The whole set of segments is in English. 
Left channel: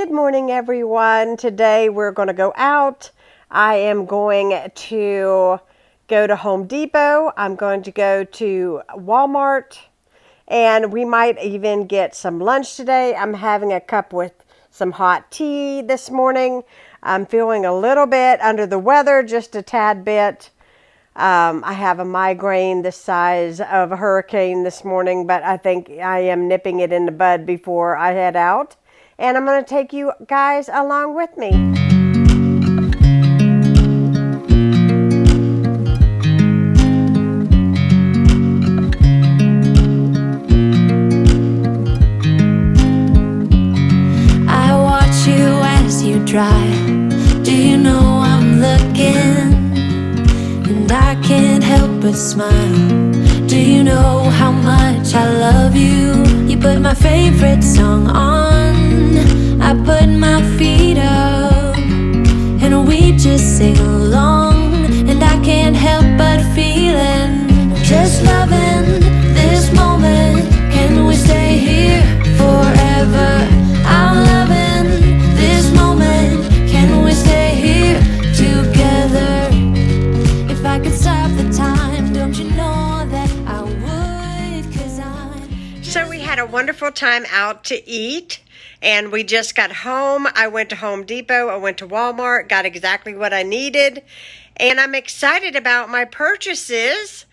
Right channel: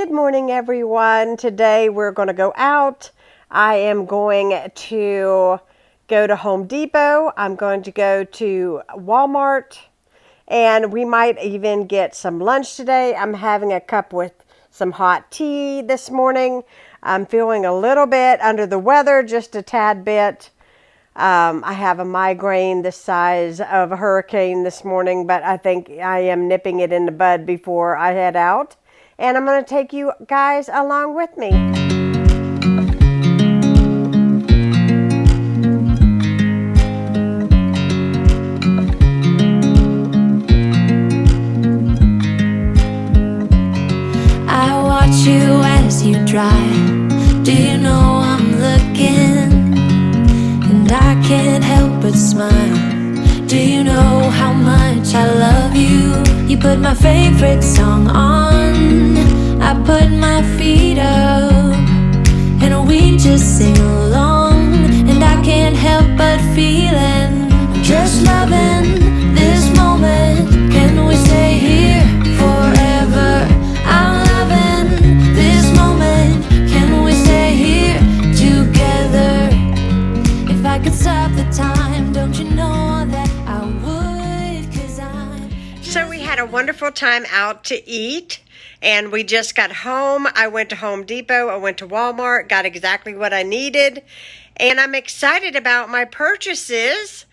Good morning, everyone. Today we're going to go out. I am going to go to Home Depot. I'm going to go to Walmart, and we might even get some lunch today. I'm having a cup with some hot tea this morning. I'm feeling a little bit under the weather, just a tad bit. I have a migraine the size of a hurricane this morning, but I think I am nipping it in the bud before I head out. And I'm going to take you guys along with me. I watch you as you drive. Do you know I'm looking? And I can't help but smile. Do you know how much I love you? You put my favorite song on, I put my feet up, and we just sing along. And I can't help but feeling, just loving this moment. Can we stay here forever? I'm loving this moment. Can we stay here together? If I could stop the time, don't you know that I would? 'Cause So we had a wonderful time out to eat, and we just got home. I went to Home Depot, I went to Walmart, got exactly what I needed, and I'm excited about my purchases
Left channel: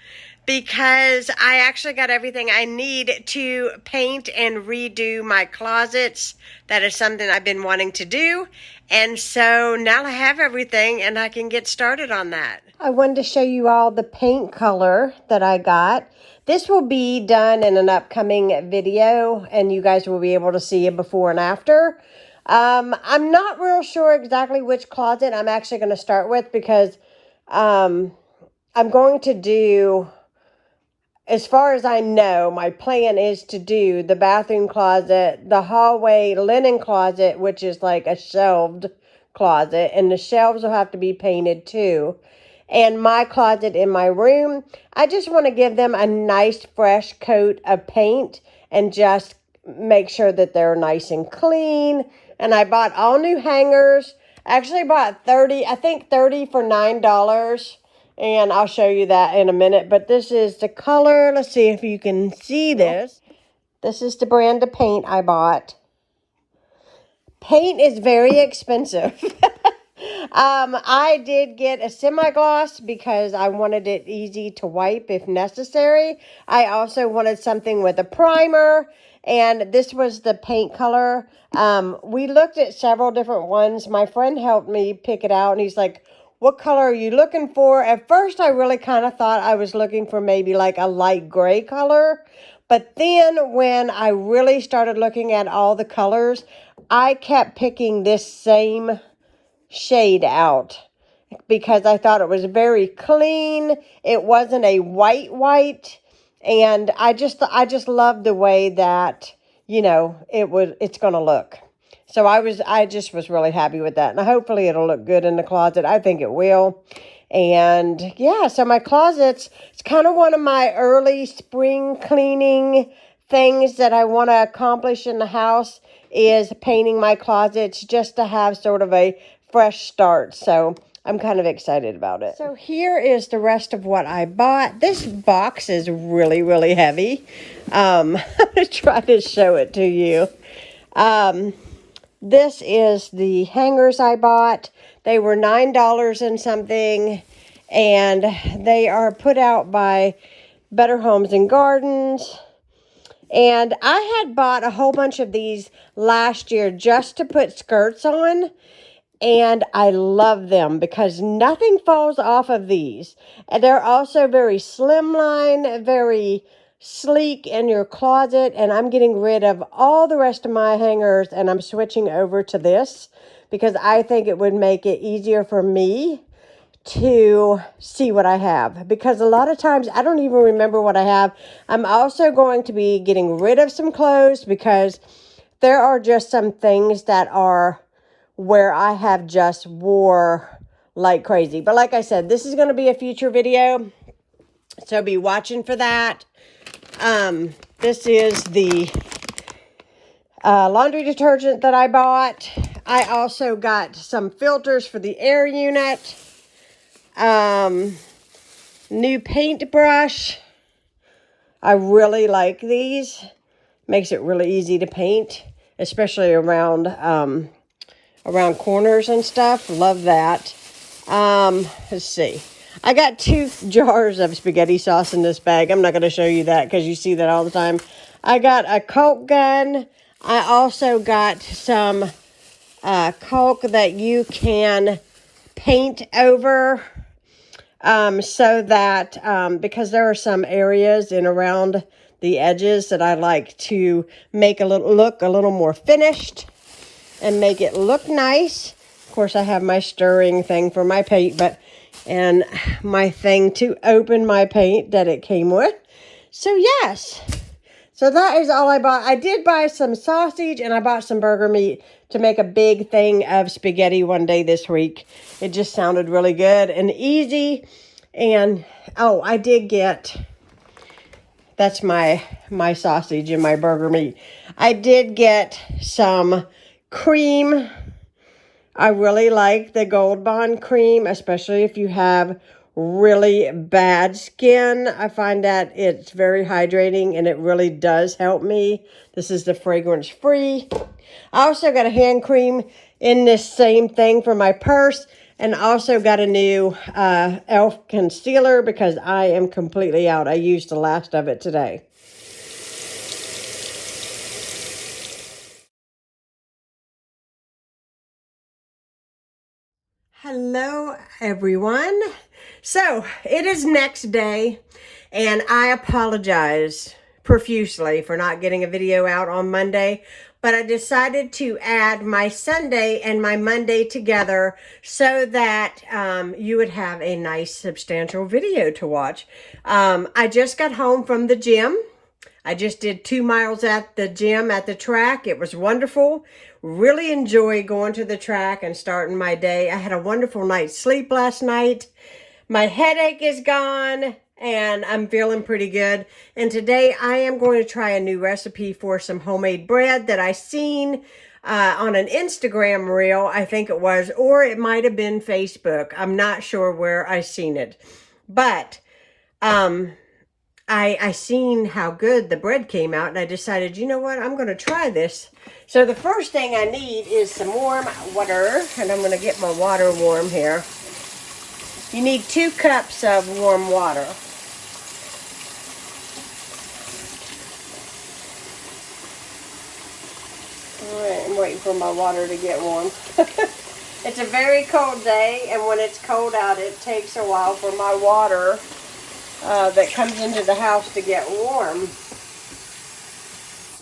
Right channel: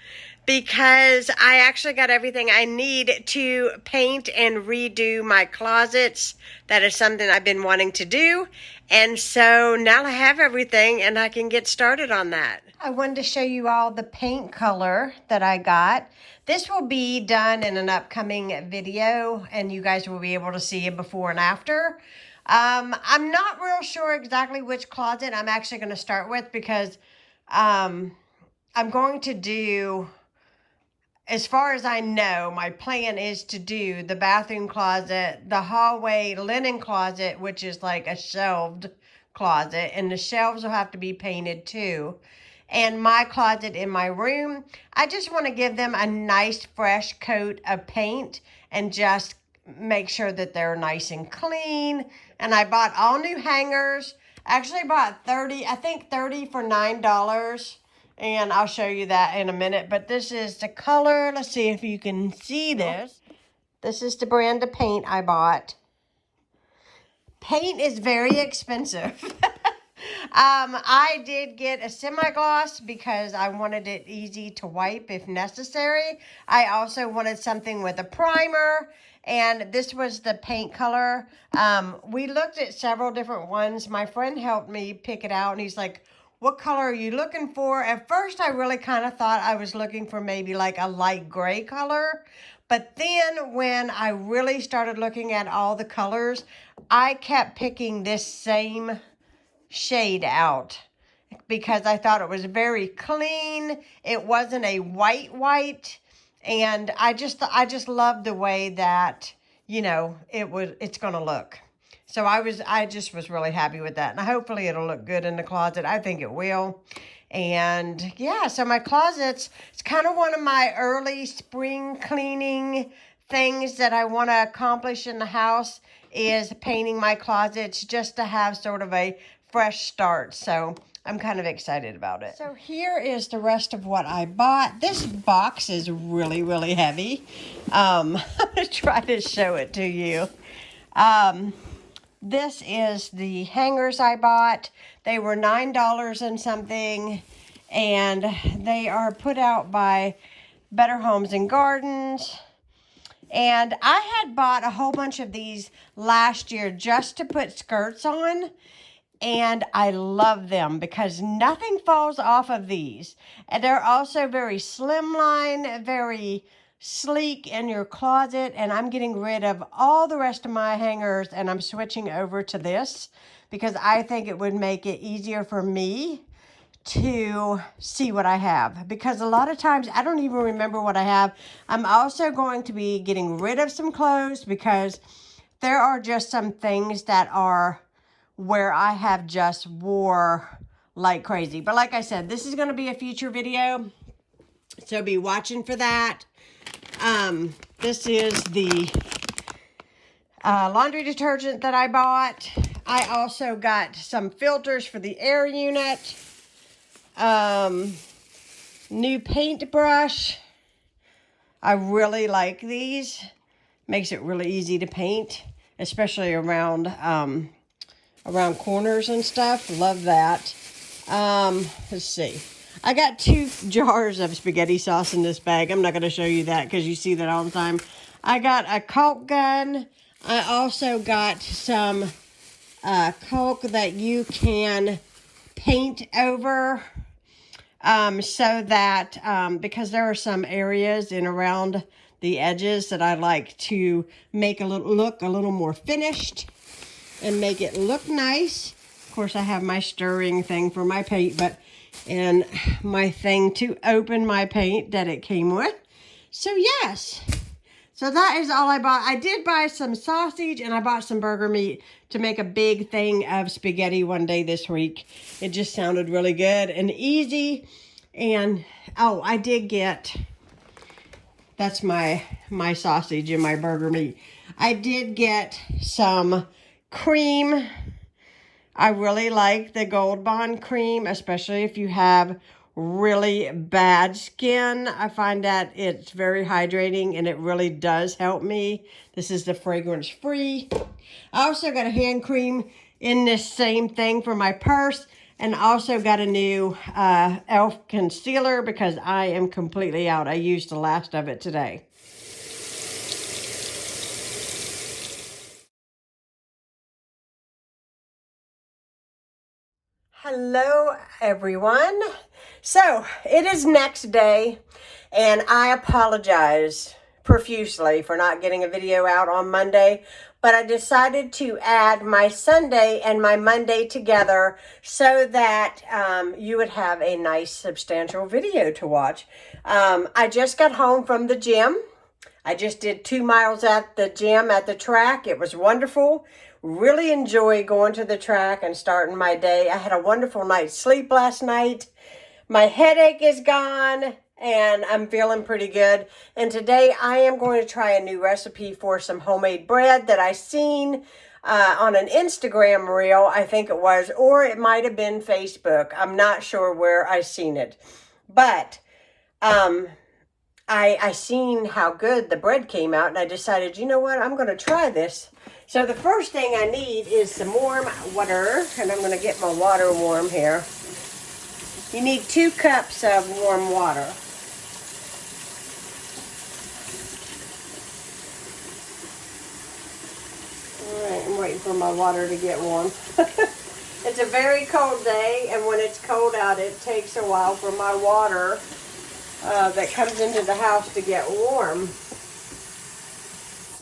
because I actually got everything I need to paint and redo my closets. That is something I've been wanting to do, and so now I have everything and I can get started on that. I wanted to show you all the paint color that I got. This will be done in an upcoming video, and you guys will be able to see a before and after. I'm not real sure exactly which closet I'm actually going to start with because I'm going to do, as far as I know, my plan is to do the bathroom closet, the hallway linen closet, which is like a shelved closet, and the shelves will have to be painted too. And my closet in my room, I just want to give them a nice fresh coat of paint and just make sure that they're nice and clean. And I bought all new hangers. I actually bought 30 for $9. And I'll show you that in a minute. But this is the color. Let's see if you can see this. This is the brand of paint I bought. Paint is very expensive. I did get a semi-gloss because I wanted it easy to wipe if necessary. I also wanted something with a primer, and this was the paint color. We looked at several different ones. My friend helped me pick it out, and he's like, what color are you looking for? At first, I really kind of thought I was looking for maybe like a light gray color. But then when I really started looking at all the colors, I kept picking this same shade out because I thought it was very clean. It wasn't a white, and I just loved the way that, you know, it's gonna look. So I just was really happy with that, and hopefully it'll look good in the closet. I think it will. And yeah, so my closets, it's kind of one of my early spring cleaning things that I want to accomplish in the house is painting my closets just to have sort of a fresh start. So I'm kind of excited about it. So here is the rest of what I bought. This box is really, really heavy. I'm going to try to show it to you. This is the hangers I bought. They were $9 and something, and they are put out by Better Homes and Gardens. And I had bought a whole bunch of these last year just to put skirts on. And I love them because nothing falls off of these. And they're also very slimline, very sleek in your closet. And I'm getting rid of all the rest of my hangers, and I'm switching over to this because I think it would make it easier for me to see what I have, because a lot of times I don't even remember what I have. I'm also going to be getting rid of some clothes because there are just some things that are where I have just wore like crazy. But like I said, this is going to be a future video, so be watching for that. This is the laundry detergent that I bought. I also got some filters for the air unit. New paintbrush. I really like these. Makes it really easy to paint, especially around around corners and stuff. Love that. Let's see. I got 2 jars of spaghetti sauce in this bag. I'm not going to show you that because you see that all the time. I got a Coke gun. I also got some Coke that you can paint over so that because there are some areas in around the edges that I like to make look a little more finished and make it look nice. Of course, I have my stirring thing for my paint, and my thing to open my paint that it came with. So yes, so that is all I bought. I did buy some sausage and I bought some burger meat to make a big thing of spaghetti one day this week. It just sounded really good and easy. And oh, I did get, that's my sausage and my burger meat. I did get some cream. I really like the Gold Bond cream, especially if you have really bad skin. I find that it's very hydrating and it really does help me. This is the fragrance free. I also got a hand cream in this same thing for my purse, and also got a new e.l.f. concealer because I am completely out. I used the last of it today. Hello everyone. So it is next day and I apologize profusely for not getting a video out on Monday, but I decided to add my Sunday and my Monday together so that you would have a nice substantial video to watch. I just got home from the gym. I just did 2 miles at the gym at the track. It was wonderful. Really enjoy going to the track and starting my day. I had a wonderful night's sleep last night. My headache is gone and I'm feeling pretty good. And today I am going to try a new recipe for some homemade bread that I seen on an Instagram reel, I think it was, or it might have been Facebook. I'm not sure where I seen it. But I seen how good the bread came out and I decided, you know what, I'm going to try this. So the first thing I need is some warm water, and I'm going to get my water warm here. You need 2 cups of warm water. All right, I'm waiting for my water to get warm. It's a very cold day, and when it's cold out, it takes a while for my water that comes into the house to get warm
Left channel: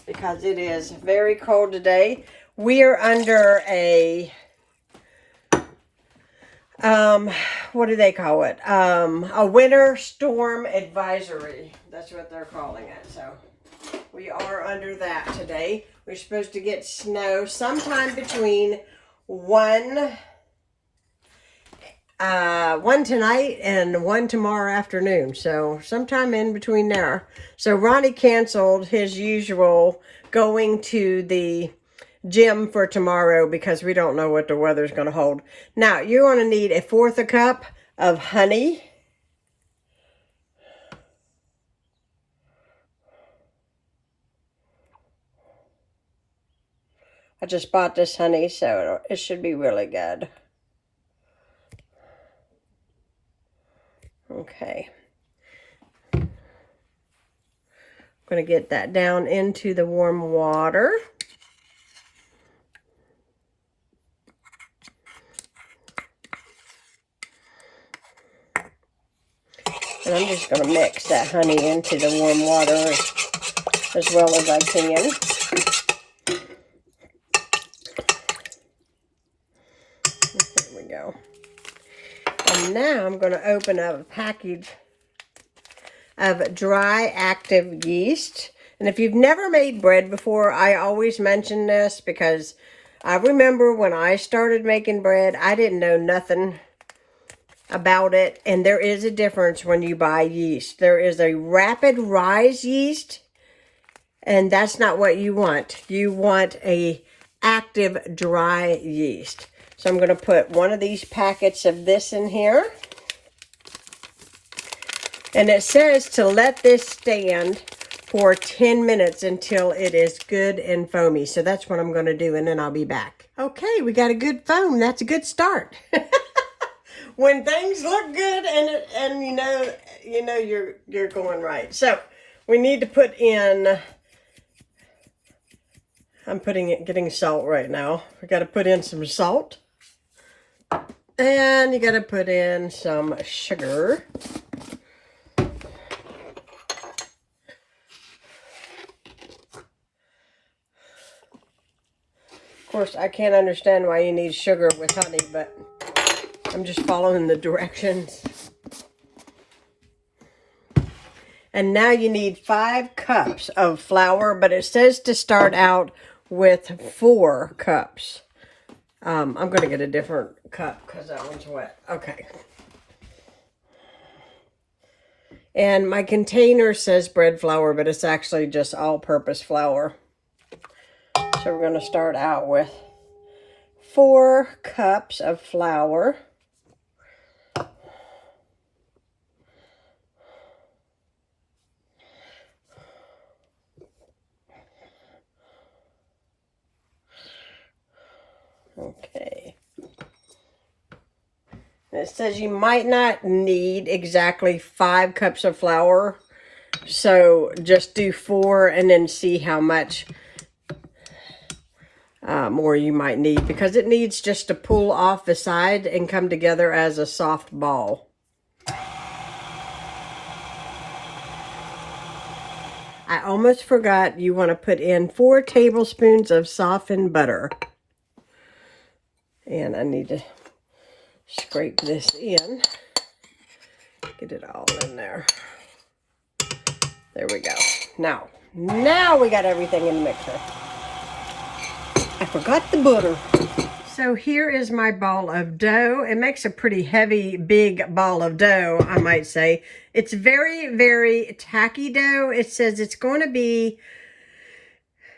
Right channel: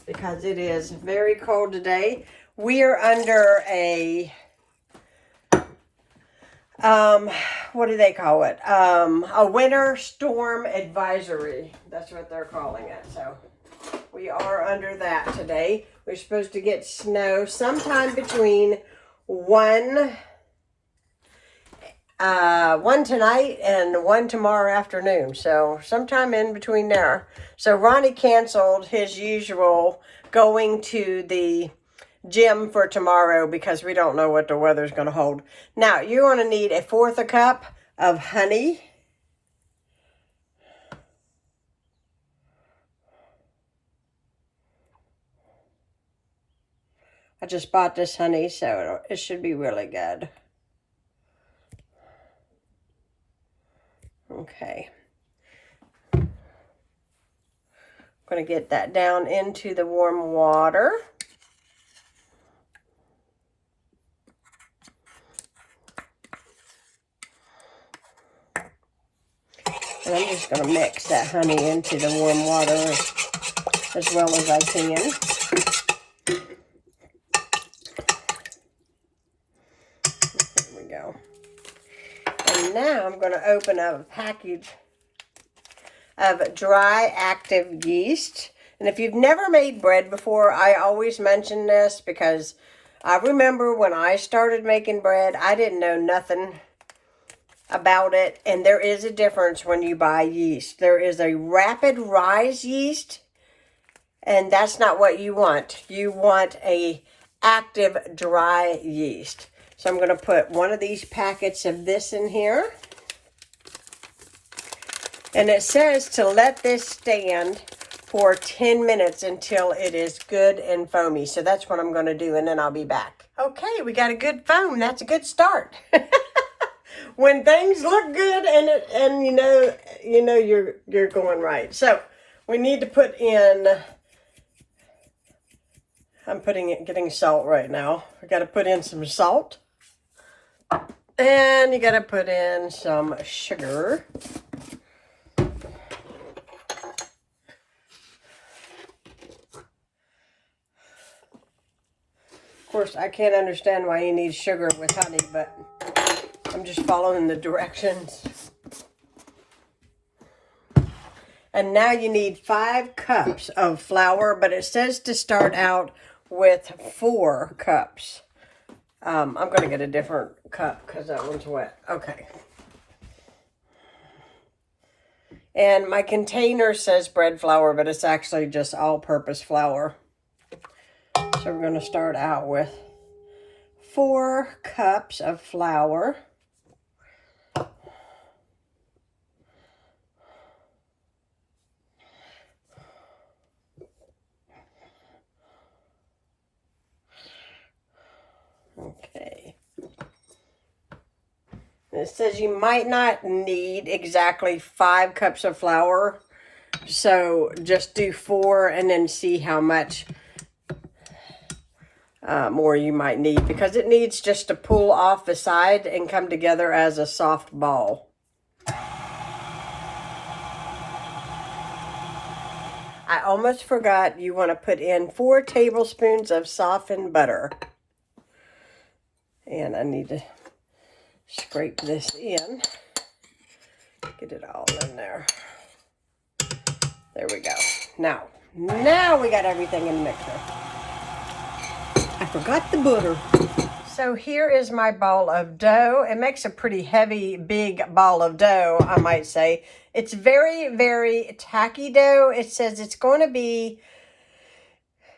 because it is very cold today. We're under a what do they call it? A winter storm advisory. That's what they're calling it. So we are under that today. We're supposed to get snow sometime between 1 tonight and 1 tomorrow afternoon. So sometime in between there. So Ronnie canceled his usual going to the gym for tomorrow because we don't know what the weather's going to hold. Now you're going to need 1/4 cup of honey. I just bought this honey, so it should be really good. Okay. I'm going to get that down into the warm water. And I'm just going to mix that honey into the warm water as well as I can. There we go. And now I'm going to open up a package of dry active yeast. And if you've never made bread before, I always mention this because I remember when I started making bread, I didn't know nothing about it. And there is a difference when you buy yeast. There is a rapid rise yeast And that's not what you want. You want a active dry yeast. So I'm going to put one of these packets of this in here. And it says to let this stand for 10 minutes until it is good and foamy. So that's what I'm going to do, and then I'll be back. Okay, we got a good foam. That's a good start. When things look good and you know you're going right. So we need to put in, I'm getting salt right now. We got to put in some salt. And you got to put in some sugar. Of course, I can't understand why you need sugar with honey, but I'm just following the directions. And now you need 5 cups of flour, but it says to start out with 4 cups. I'm going to get a different cup because that one's wet. Okay. And my container says bread flour, but it's actually just all-purpose flour. So we're going to start out with 4 cups of flour. Okay. It says you might not need exactly 5 cups of flour. So just do 4 and then see how much more you might need, because it needs just to pull off the side and come together as a soft ball. I almost forgot, you want to put in 4 tablespoons of softened butter. And I need to scrape this in. Get it all in there. There we go. Now we got everything in the mixer. I forgot the butter. So here is my ball of dough. It makes a pretty heavy, big ball of dough, I might say. It's very, very tacky dough. It says it's going to be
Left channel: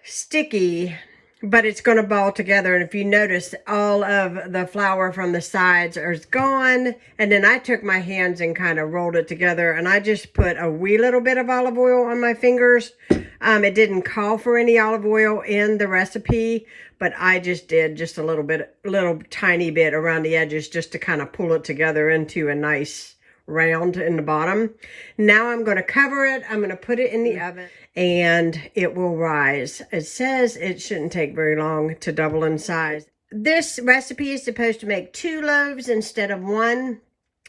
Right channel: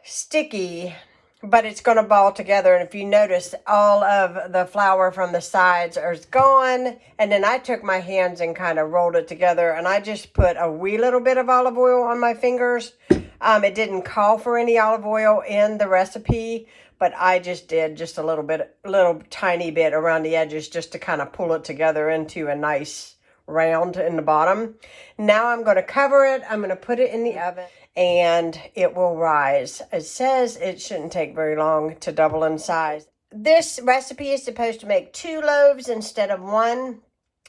sticky, but it's going to ball together. And if you notice, all of the flour from the sides is gone. And then I took my hands and kind of rolled it together. And I just put a wee little bit of olive oil on my fingers. It didn't call for any olive oil in the recipe, but I just did just a little tiny bit around the edges just to kind of pull it together into a nice round in the bottom. Now I'm going to cover it. I'm going to put it in the oven and it will rise. It says it shouldn't take very long to double in size. This recipe is supposed to make 2 loaves instead of 1.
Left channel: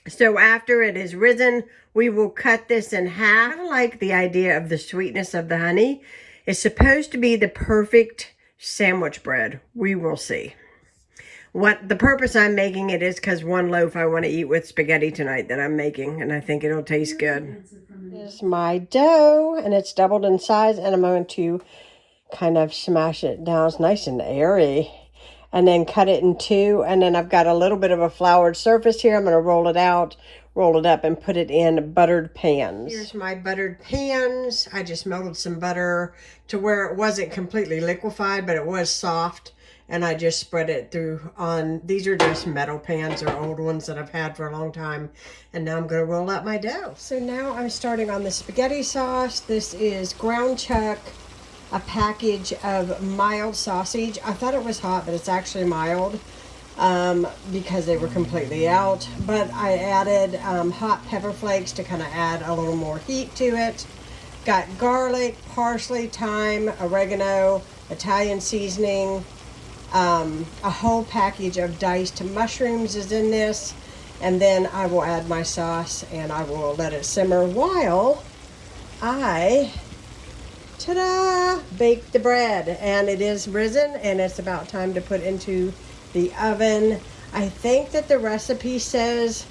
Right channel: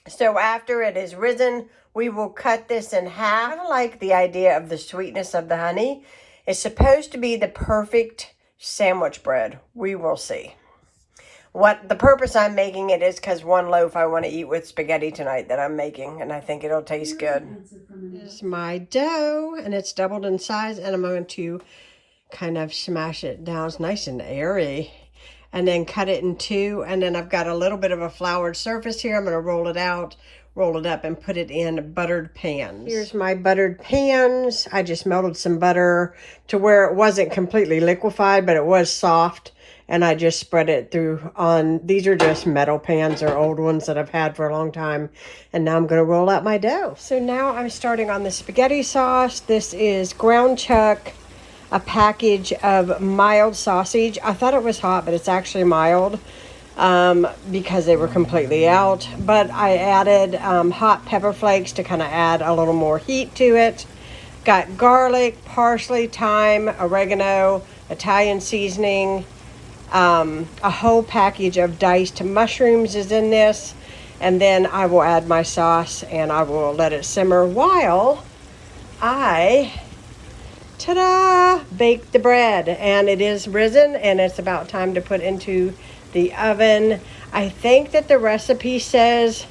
So after it is risen, we will cut this in half. I kind of like the idea of the sweetness of the honey. It's supposed to be the perfect sandwich bread. We will see. What the purpose I'm making it is because 1 loaf I want to eat with spaghetti tonight that I'm making, and I think it'll taste good. This is my dough, and it's doubled in size, and I'm going to kind of smash it down. It's nice and airy. And then cut it in 2, and then I've got a little bit of a floured surface here. I'm going to roll it out, roll it up, and put it in buttered pans. Here's my buttered pans. I just melted some butter to where it wasn't completely liquefied, but it was soft. And I just spread it through on, these are just metal pans or old ones that I've had for a long time. And now I'm going to roll out my dough. So now I'm starting on the spaghetti sauce. This is ground chuck, a package of mild sausage. I thought it was hot, but it's actually mild because they were completely out. But I added hot pepper flakes to kind of add a little more heat to it. Got garlic, parsley, thyme, oregano, Italian seasoning. A whole package of diced mushrooms is in this. And then I will add my sauce and I will let it simmer while I ta-da! Bake the bread. And it is risen and it's about time to put into the oven. I think that the recipe says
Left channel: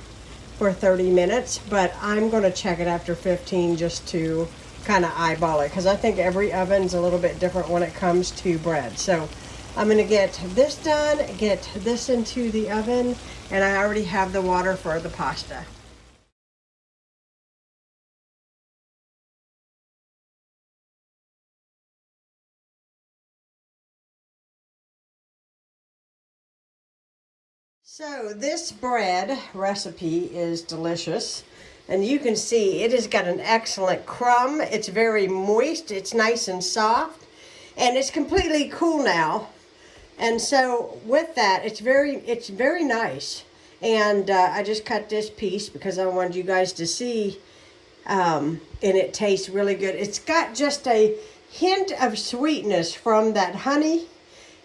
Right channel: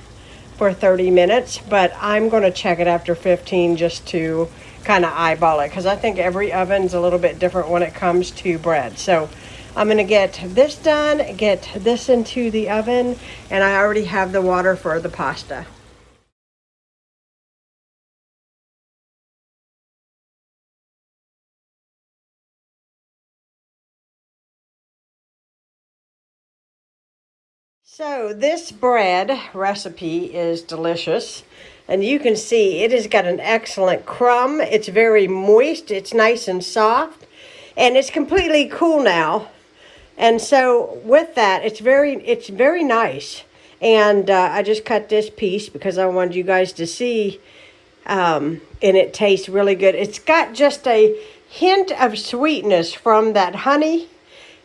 for 30 minutes, but I'm going to check it after 15 just to kind of eyeball it, because I think every oven's a little bit different when it comes to bread. So I'm going to get this done, get this into the oven, and I already have the water for the pasta. So this bread recipe is delicious. And you can see it has got an excellent crumb. It's very moist. It's nice and soft. And it's completely cool now. And so with that, it's very nice. And I just cut this piece because I wanted you guys to see. And it tastes really good. It's got just a hint of sweetness from that honey.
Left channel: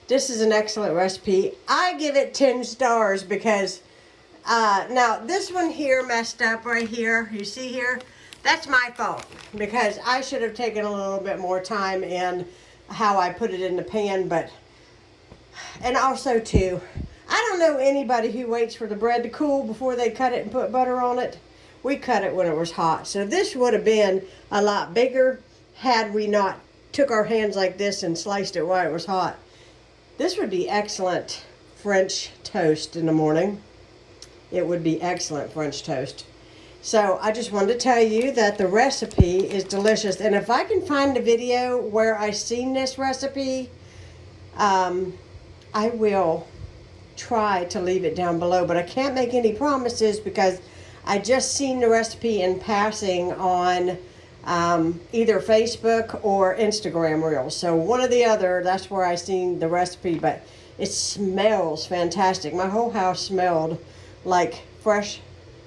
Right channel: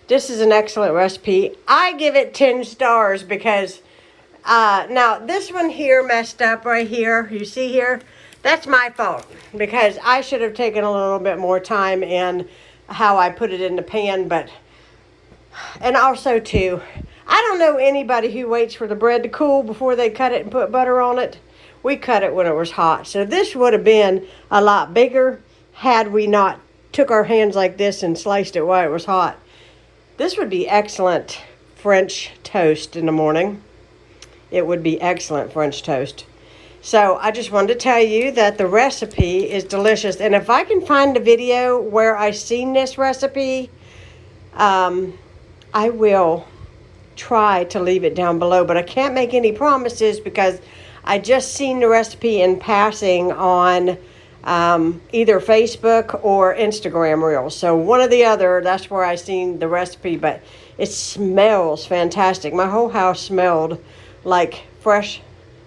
This is an excellent recipe. I give it 10 stars because now this one here messed up right here. You see here? That's my fault because I should have taken a little bit more time in how I put it in the pan, and also too, I don't know anybody who waits for the bread to cool before they cut it and put butter on it. We cut it when it was hot. So this would have been a lot bigger had we not took our hands like this and sliced it while it was hot. This would be excellent French toast in the morning. It would be excellent French toast. So I just wanted to tell you that the recipe is delicious. And if I can find a video where I seen this recipe, I will try to leave it down below. But I can't make any promises because I just seen the recipe in passing on either Facebook or Instagram Reels. So one or the other, that's where I seen the recipe. But it smells fantastic. My whole house smelled like fresh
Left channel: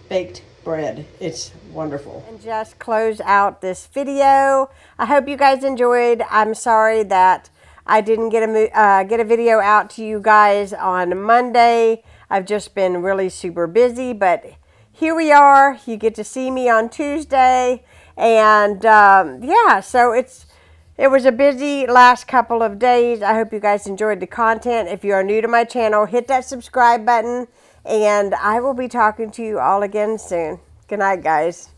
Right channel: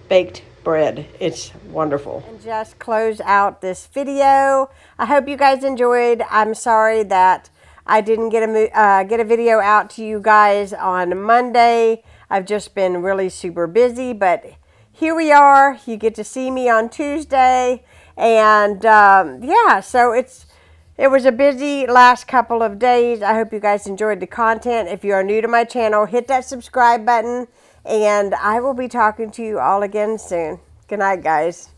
baked bread. It's wonderful. And just close out this video. I hope you guys enjoyed. I'm sorry that I didn't get a video out to you guys on Monday. I've just been really super busy, but here we are. You get to see me on Tuesday, and yeah, so it was a busy last couple of days. I hope you guys enjoyed the content. If you are new to my channel, hit that subscribe button, and I will be talking to you all again soon. Good night, guys.